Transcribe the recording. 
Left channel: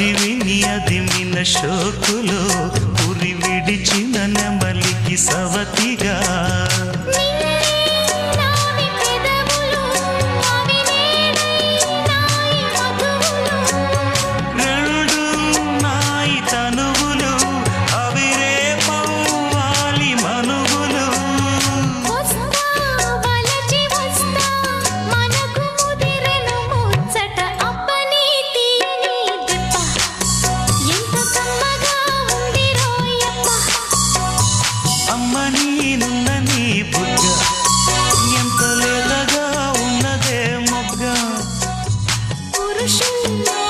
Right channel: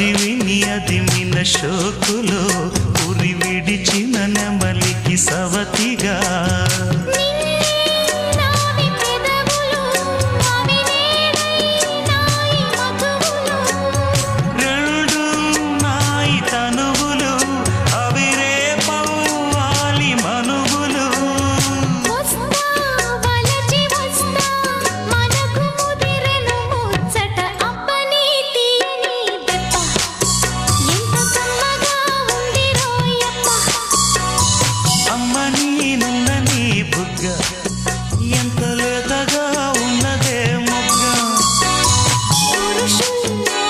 అది విని అదిమిన షోకులో ఉరి విడిచిన నెమలికి సవతిగా రెండు నాయి తనువులు అవి రేపవ్వాలి మనువులు అమ్మ నీనున్న నీ బుగ్గ ఎంత లేతగా ఉన్నదే మొగ్గ పురుషుల్లో